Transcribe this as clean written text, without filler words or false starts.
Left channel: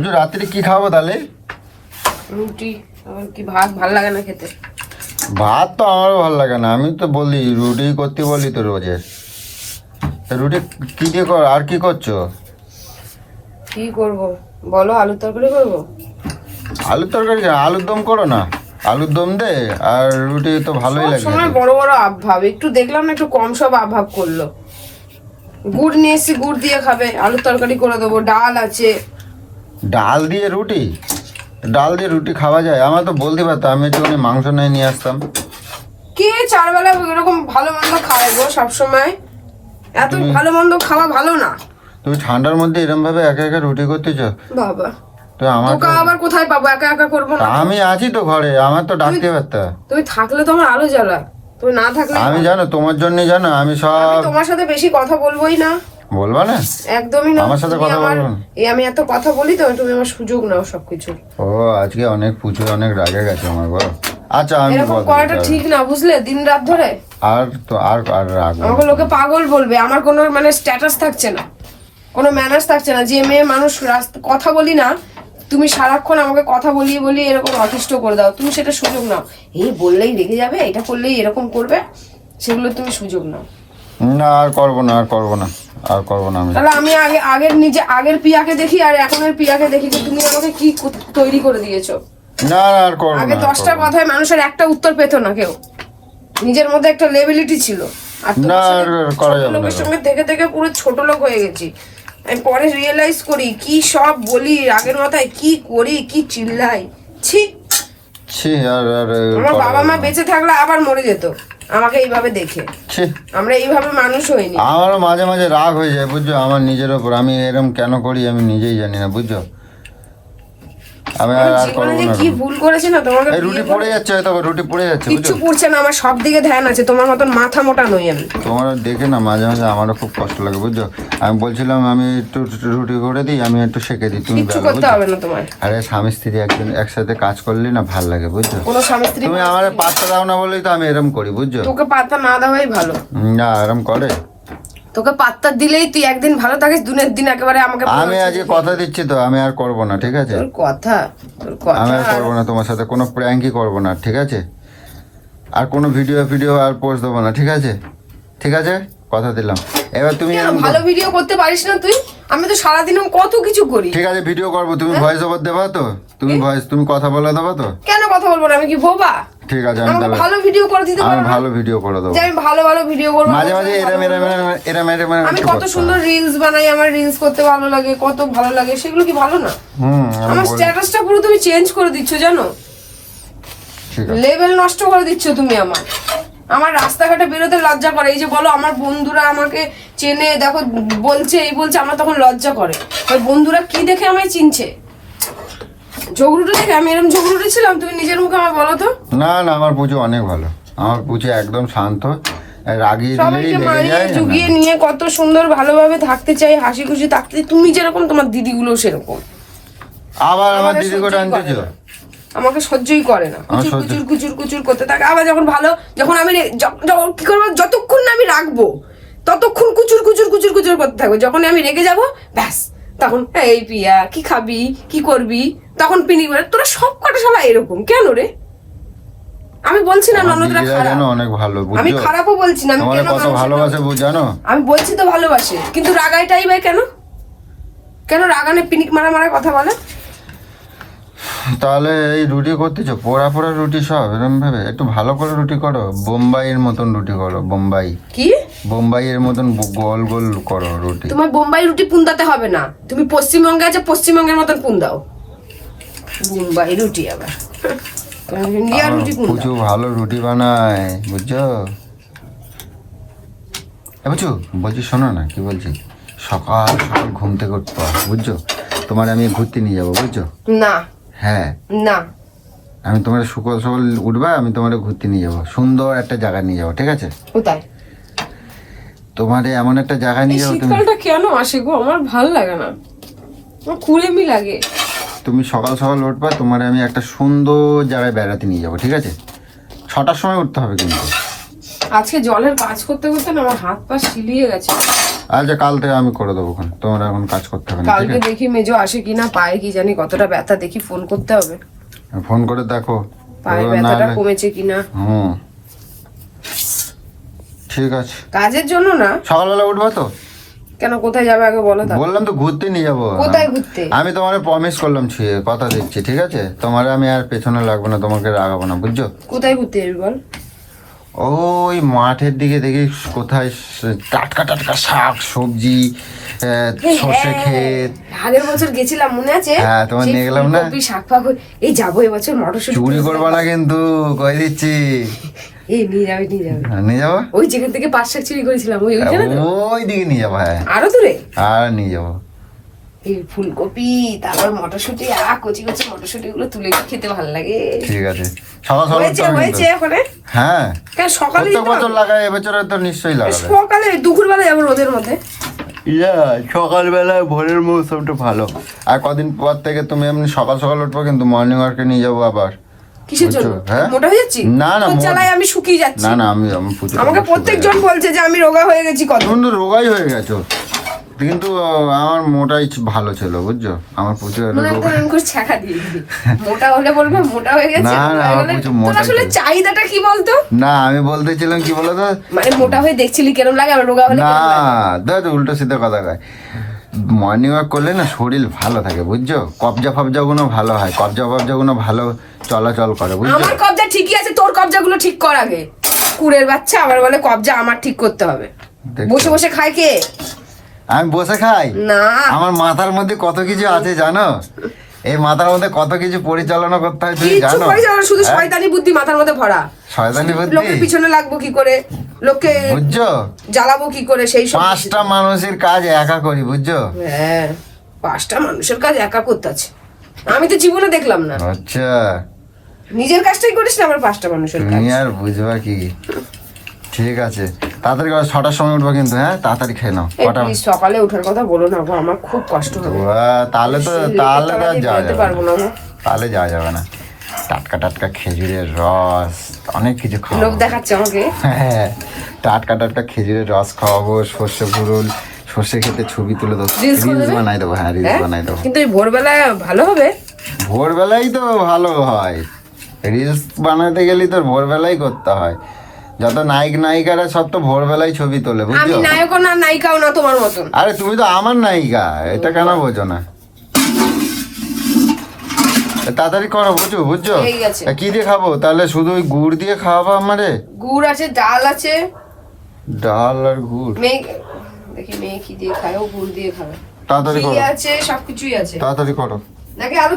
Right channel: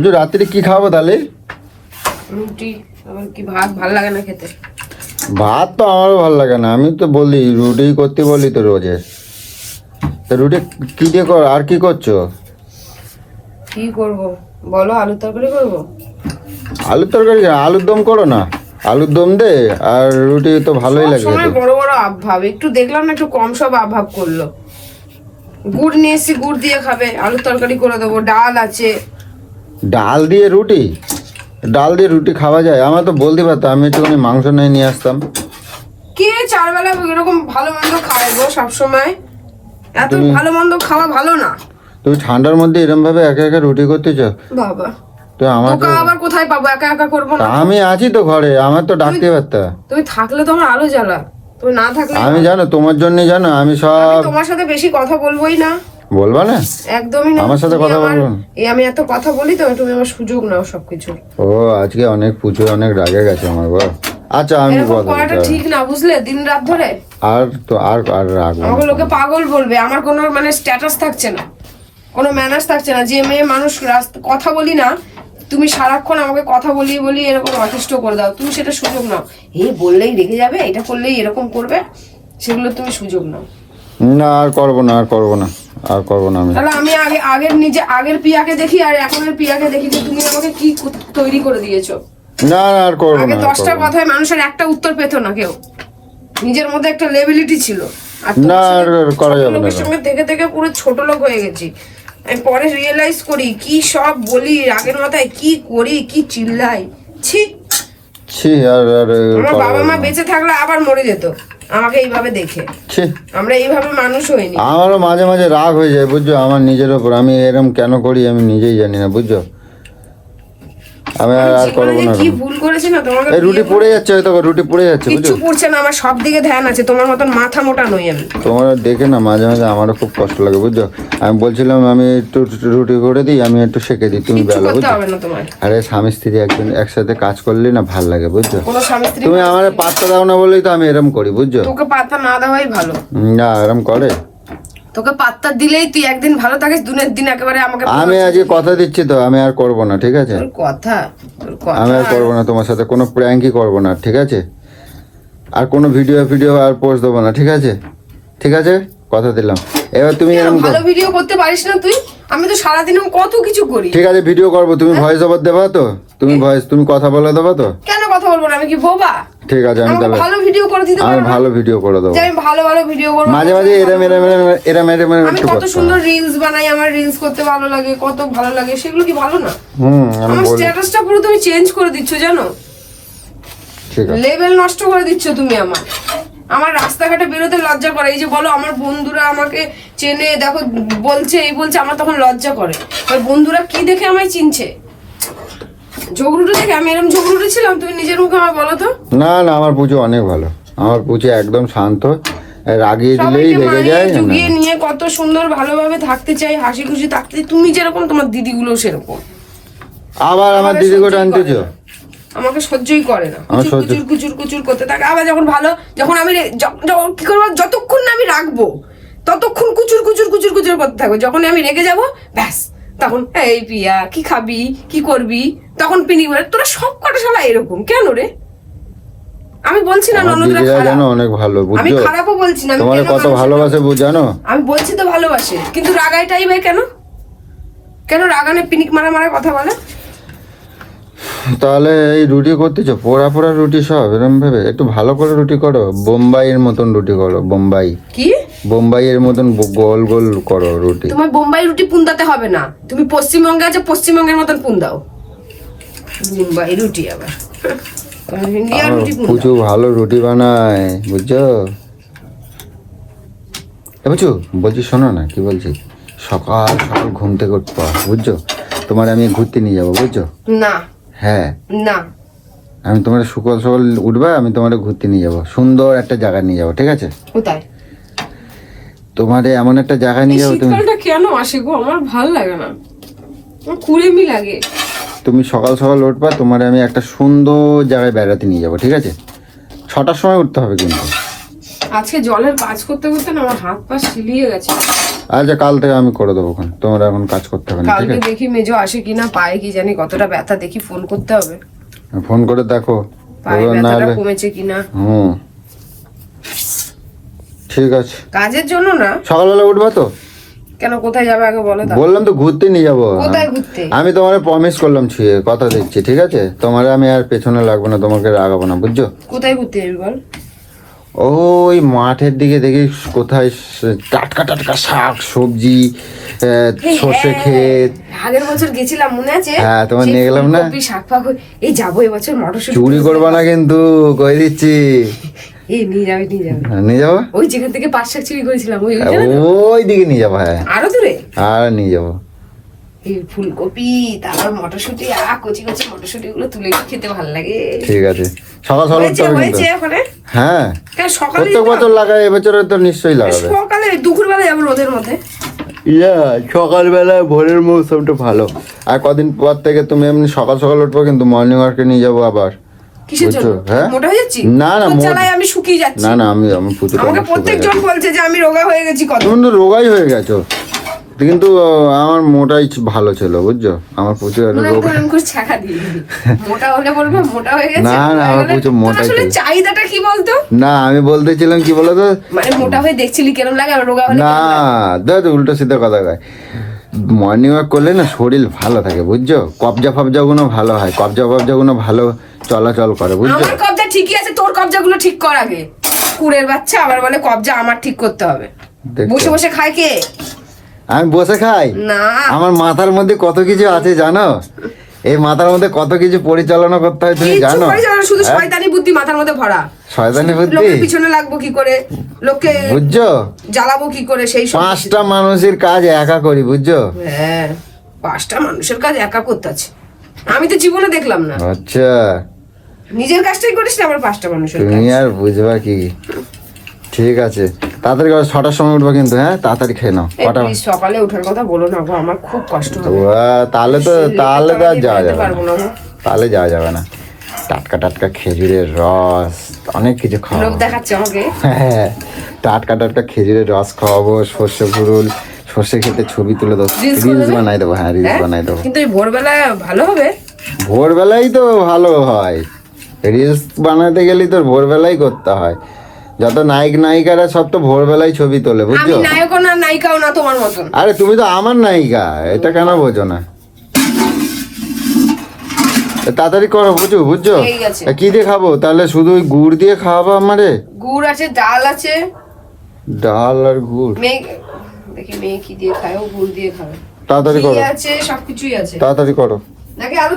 বুঝছো রাত্রে কি খাবো তাহলে? রুটি। আমার কি ভাত ভালো লাগে না খেতে। ভাত তো আমারও ভালো লাগে না, আমি তো বলি রুটি করতে বলি তো রোজে। রুটি কি দিয়ে আর কি করছো? কি করব বলো, আলুর তরকারি করবো। আলুর তরকারি, আলুর দম করো না। আলুর দম দে আর রুটি তো ভালোই লাগে। সময় বড় বড় আভাব, একটু দেখলাম না একটু কম সব আভাব করলো। গুড় নিয়ে এসছি, গুড় দিয়ে খাবে, আলুর তরকারি করে দেবো, ডাল আছে। ডাল দিয়ে রুটি? ডাল দিয়ে রুটি খাওয়া যায়? আমার তো বলতে পারতো, আমি একটু মাংস নিয়ে আসতাম। কি চার বেলা এরকম ভালো মন্দ খাওয়াবো সবসময়? এত ভালো মন্দ খাওয়া ভালো না। তুমি ঠান্ডার মধ্যে এরকম ভাবে একা একা রুটি করতে চাও? বাবা তো তোকে আবার কোথায় পাবো, একা একা করবো না। আমি আছি তো ঘরে, আমার তো ডাকতে পারতা। তুমি থাকলে তোমার আলো জ্বালা, তুমি না থাকলে আমি জানো তোমার জন্য, জানো আমি সব। আমি তোমার সাথে বেশি কথা বলবোই না। বলবা না? একদমই না। আমার সাথে তুমি কথা আমার বলবো না। আমি এত কথা বলি তো, তুমি আমার সুযোগ নাও সবকিছু। ও আজকে অনেক পুজো, অনেক রাগে গেছে আমার বল। আচ্ছা আমি এরকম করাটা ঠিক না, বুঝলে? দিন রাত ধরে আর তো আর রাগ আমাকে লোকে পাগল বলবে। আমার কোনো মানে স্ট্যাটাস থাকছে না, কোনো ম্যানার্স থাকছে না। যে মেয়ে মানুষ কথা বলি না, তুমি সারাক্ষণ আমাকে কথা বলিয়ে বলিয়ে এরকম অতিষ্ঠ করে দাও। তুমি সেটা সুযোগ নাও। এই বললেই রেগে যাবে, এটা করলেই এরকম করবে, সেগুলো তুমি সুযোগ নাও। না আর করবো না, আর করবো না, আর করবো না আমি। তাহলে আমি আগের পিয়াকে দেখি আর এখনের পিয়াকে দেখি যে তুমি আমাকে কি তৈরি করে দিয়েছো। না আর করবো আগে না। 10টা কথায় মানুষের একটা উত্তর পেত না কেউ, নিজের মধ্যে একটা লেভেলিটি ছিল। আর না আর করা ছোট যাবে লোকের না। সঙ্গে থেকে থেকে পুরো ছোট লোক হয়ে গেছি। আমি পরে রিয়েলাইজ করি কি সব বলি, আগের মাথায় কি করি, কি চিল্লাই। ছি, ছি আর আমার বাবা মা বেঁচে থাকলে আবার মরে যেত আমাকে এইভাবে দেখে। ছি। আমরা এইভাবে মানুষ হইনি। আমারও মাঝে মাঝে রাগ হয়ে যায় বুঝছো, আমার নিজের ওপর। আমি এরকম কেন করি আমি নিজেই জানি না বুঝছো। আমি আর জীবনে করবো যে না। কি ভুল করেছে না, তোমাকে এই বিয়ে রুটি করে পড়ে যাচ্ছে, হয়তো রুটি পড়ে যাচ্ছে কিচ্ছু বুঝছো। পড়ছে না, আমার সব দিকে ধ্যান আছে। তোমার মতন মাথা মোটা নই আমি। তোমার দেখে না মাঝে মাঝে আমারও খুব কষ্ট লাগে বুঝছো। আমি বলছিলাম আমি একটু রুটি করে দিই, আমি একটু সেঁকে দিই, তুমি কিচ্ছু বলো করতে বুঝছো? হবে না তোমার। আরে স্বামী স্ত্রী একদিন একসাথে কাজ করলে না ভালো লাগে বুঝছো। কোনো স্বামী স্ত্রী তুমি আমার পাত্তা দাও না বলেই তো আমি এরকম করি বুঝছো। তোকে পাত্তা না দেওয়াই ভালো। না এরকম করে। তোকে পাত্তা দিলেই তুই একদিন ভালো থাকিস, দিনের দিন একেবারে আমাকে আমি আজকে কথা দিচ্ছি তো, আমি আর করবো না ঠিক আছে। তোর কথা আমি আর করবো না তোমার সাথে, কোনো প্র্যাঙ্কই করবো না ঠিক আছে। আর কোনো ভিডিও আর পোস্ট দেবো না ঠিক আছে। ঠিক আছে, কথা দিলাম। এবার তুমি কেন ভালো ভিডিও করতে পারিস না তুই? আমি তো সারাদিন কত কিছু করি। ঠিক আছে ভিডিও করবো, তুমি ভয়েস ওভার দেবা তো? তুমি কথা বলে দেবা তো? কেন কথা বলবো না? আমি কি বোবা? ঠিক আছে আমি আমাকে দেবো। ভালো ভিডিও করে দিতে আমি পারো না? ভালো ভিডিও করে দেবো। যে আমি ভালো ভালো ভিডিও করবো। মাঝে মাঝে এরম আমি কত সুন্দর রিলস বানাই, আমার রিলস করতে ভালো লাগে, কত ভালো লাগে, সেগুলো কি ভালো না? আমার স্ট্যাটাসটা পুরো তুমি চেঞ্জ করে দিচ্ছ জানো, ঠিক আছে। লেভেল নষ্ট করে দিচ্ছ তুমি। আমার রাস্তাঘাটে বেরোতে লজ্জা করে। এই যে বলো আমার বন্ধুরা আমাকে চেনে, দেখো বলছে এই বলছে, আমার তখন লজ্জা করে। বন্ধুরা কি দেখে আমায় চিনছে? ঝগড়ুটে দেখে? আমি এরকম ঝগড়ুটে ছিলাম? তুমি নিজের মুখে আমার বলো তো। না না আমার পুজো অনেক ভালো, আমার পুজো একদম শান্ত, রাগিয়ে দিলেই সবাইকে রেগে মানিয়ে যায়। জুগিয়ে নিয়ে কত সুন্দর ভালোভাবে থাকতে চাই, হাসি খুশি থাকতে। তুমি যেরকম, তোমার দিদিগুলো সেরকম। আবার আমার দিদি করে আনতেছে। আমাকে সহ্যই করে না, কুচুর কুচুর কুচুর কুচুর করতে থাকে। আবার যখন ভালো, যখন আমি কি করবো, যতক্ষণ না আমি রাখবো ততক্ষণ কুচুর কুচুর কুচুর কুচুর করতে থাকবো। যখন আমি রেগে যাবো ব্যাস, তখন এই পিয়া কি খাবি, কি করবি, তখন পিনি বলে তোরা সব কটা সবাই এরকম কেন রে? আমি বলছি না ননদরা খারাপ, অনেক ভালো আমি বুঝছো। খারাপও বলছি না। আমি তোমার কেন কত মানুষের ভালোবাসে জানো। আমি বলছি তো ভালোবাসে, কিন্তু রাগাইটাই ভাই কেন? কেন রাগানে পিনিক মারা মারা কথা বলে? তাহলে এই রুটি করতেছো পোড়া পোড়া রুটি সব এরকম ভেবে, একটু ভালো করে রুটি করো, বোম্বাইয়ের মতন রুটি করো। কি বোম্বাইয়ের মতন গোল গোল করো রুটি। তোমার বোম্বাই রুটি পুন্দাতে হবে না, তুমি পশ্চিমবঙ্গে আছে, পশ্চিমবঙ্গের মতন পুন্দাও। বোম্বাই রুটি আবার ইন্ডিয়ার রুটি পুন্দাও। কিছু ভালো রুটি বানায় বুঝছো। বুঝছো বলছি, শোনো না কি বলছি। সকাল সকাল ঘুম থেকে উঠতে হয়, বুঝছো। তোমার আমি ঘুরতে নিয়ে যাবো বুঝছো। না হ্যাঁ না, আমি তোমার সকাল সকাল উঠবে, আমি তোমার ঘুরতে নিয়ে যাবো, সুন্দর একটা জায়গায় নিয়ে যাবো ঠিক আছে। কোথায়? তোমাদের এমন একটা জায়গায় নিয়ে যাবো। শীতকালটা কেন আসে গো? আমার ভালো লাগে না, আমার কুড়েমি লাগে। তুমি সকাল সকাল উঠবা, তোমার আমি একটা সুন্দর জায়গায় বেড়াতে নিয়ে যাবো ঠিক আছে। 6টার সময় উঠতে হবে কিন্তু। আজকে জলের কাজ করতে করতে না আমার হাত পা শিলিয়ে গেছে। আচ্ছা কাল থেকে আমি করে দেবো, তোমার এখন কাজ করতে হবে না, ঠিক কালকে আছে? দেখি মেজো আসে কিনা, পায়ে কি জানি কতটা ব্যথা, দেখি ফোন করতে হবে ফোন করে দেখো পায়ে এবার ব্যথাটা নাহলে- কমেছে কিনা। ঠিক আছে, কাজের জন্য না, সকালবেলা উঠবে তো? কেন কোথায় যাবে আগে বলো তা। বললাম তো ঘুরতে নিয়ে যাবো। কোথায় ঘুরতে? আমি তোমার প্রমিস করলাম, ছুঁয়ে কথা দিচ্ছি, ঠিক আছে? তোমার আমি আর পেছনে লাগবো না, তোমাকে রাগাবো না, বুঝছো? কোথায় ঘুরতে যাবি বল? ওই মাঠের দিকে দেখি কোথায় টাটকা টাটকা শাক সবজি, সর্ষে ক্ষেত। আগের বছর গেছিলাম মনে আছে? হ্যাঁ, তোমার সেই নিয়ে গেলাম না? ফুলকপি শাক ফাক এই যাবো এবছর মটরশুঁটি চুরি করবা না কিন্তু, কই দিচ্ছি। এই নিয়ে যাবে নিয়ে যাবে। নিয়ে যাবো? ওই যেখান থেকে 5 শাক চুরি করেছিলাম ওইখানে তো? ওই দিকে নিয়ে যাবো, হ্যাঁ। আরো দূরে? আর নিয়ে যাবো। এই ফুলকপি তারপর মটরশুঁটি কচি কচি মটরশুঁটি গুলো তুলে খেতে ভালো লাগে। ঠিক আছে, সকাল সকাল হয়েছে উঠতে হবে হয়েছে কিন্তু। ওখানে? হ্যাঁ, কেন সকালে প্রত্যেক যেতে বছর হবে? লাগায়, এবছরে তো নিশ্চয়ই লাগাবে। সকালে দুপুর বেলা যাবো রোদের মধ্যে। সকালবেলা ভোরের মৌসুমটা ভালো। আর কদিন পর থেকে তুমি এমনি সকাল সকাল উঠবো কিন্তু, মর্নিং ওয়ার্কে নিয়ে যাবো আবার। কিসের জন্য? বুঝছো? হ্যাঁ? মোটা হয়ে যাচ্ছি? না, না, তোর জ্বালায় আমি শুকিয়ে যাচ্ছি। না না, আমি প্রচুর আমাকে প্রত্যেকজন বলছে যে আমি রোগা হয়ে গেছি কত। তুমি তো রোগাই হয়ে গেছো, কিন্তু আমার মোটাই ভালো ছিল, বুঝছো? আমার প্রচুর মনে হয় রোগা- আমি করে ছাকা দিয়ে দিবি। মোটা হলে বলবে মোটা হয়ে গেছে, না, না, রোগা হয়ে আমার গেলে- প্রচুর তোর মোটাই আসলে ছিল। চাহিদাটা কি বলতো? না, আমি বলতেছিলাম কি বলতো, মানে মোটা হয়ে দেখছিলি কেরম লাগে, আর রোগা হলে না কেরম লাগে? দেখো উল্টো সিধা কথা কয়। মর্নিং ওয়াক করলে না শরীর ভালো থাকে, বুঝছো? কবজা ফবজা গুলো ভালো হয়, কবজা গুলো ভালো চলাচল করে, বুঝছো? আমার কবজা ঠিকই আছে, তোর কবজা গুলো ঠিক কর আগে। কুড়ের বাচ্চা আবার বলে কবজা আমার ঠিক করতে হবে। দেখছো? বসে বসে খায় কে? আমি বসে খাই? না, আমার মাথার মধ্যে কত কিছু আছে জানো? এই মাথার মধ্যে কত কিছু পরিচালনা করতে হয়, তুমি কিচ্ছু জানো? করিস না, শুধু শয়তানি বুদ্ধি মাথার মধ্যে ভরা। শয়তানি লোকের বুদ্ধি, পিছনে লাগবো কি করে, লোককে বুঝছো? জ্বালাবো কি করে, সেই সব। 5টা মানুষের কাজ একা করি, বুঝছো? হ্যাঁ, 5টা মানুষের কাজ একা করতে আছে, আমি তো জীবনে দেখলাম না। আচ্ছা, নিজের কাজটাই করিস না, আবার 5টা মানুষের কাজ। তুমি আর বুঝবা কি? ঠিক আছে, তাড়াতাড়ি 6টার সময় উঠবে কিন্তু, হ্যাঁ? তাড়াতাড়ি খেয়ে নাও। এই প্লিজ সকালে ওঠার কথা বলো না গো, আমার খুব কষ্ট হবে। তাহলে তো তাহলে তো আর যাওয়া যেতে যাবে পারবো না। না গো। তাহলে যাওয়া যাবে না। টাটকা টাটকা খেজুরের রস, অনেক কিছু লোক খাওয়াবো। দেখাচ্ছে আমাকে। হ্যাঁ, টাটকা টাটকা খেজুরের রস খাওয়াবো, সর্ষে ফুরুল, সর্ষে খেতে ছবি তুলে দেবো, Reels করে রিলস দেবে? বানাই দেবো। হ্যাঁ, রিলস হ্যাঁ? বানাই দেবো। কিন্তু এই ভোরবেলা ভালো হবে। ভোরবেলাই তো ভালো হয়, রিলস বানাতে গেলেই তো ভোরবেলাই করতে হয়। যত নায়ক নায়িকারা সব তো ভোরবেলায় ছবি তোলে, আমি বুঝছো? নায়কও না নায়িকাও না তোমার মতন। আরে তুমি তো আমার নায়িকা, এটা কেন বোঝো না? তাড়াতাড়ি করো, বুঝছো? এই গেছে। কি দিয়ে খাবো তাহলে? শুধু ওই গুড় দিয়ে খাওয়াবো আমারে? গুড় আছে, ডাল আছে, ডাল আর গুড়? মেয়ে দেখি মেয়ে কি দিয়ে খায়, ও গুড় দিয়ে খাবে। তাড়াতাড়ি ঘি করো, আছে, সবকিছুই আছে। তাড়াতাড়ি করো। নাকি আরো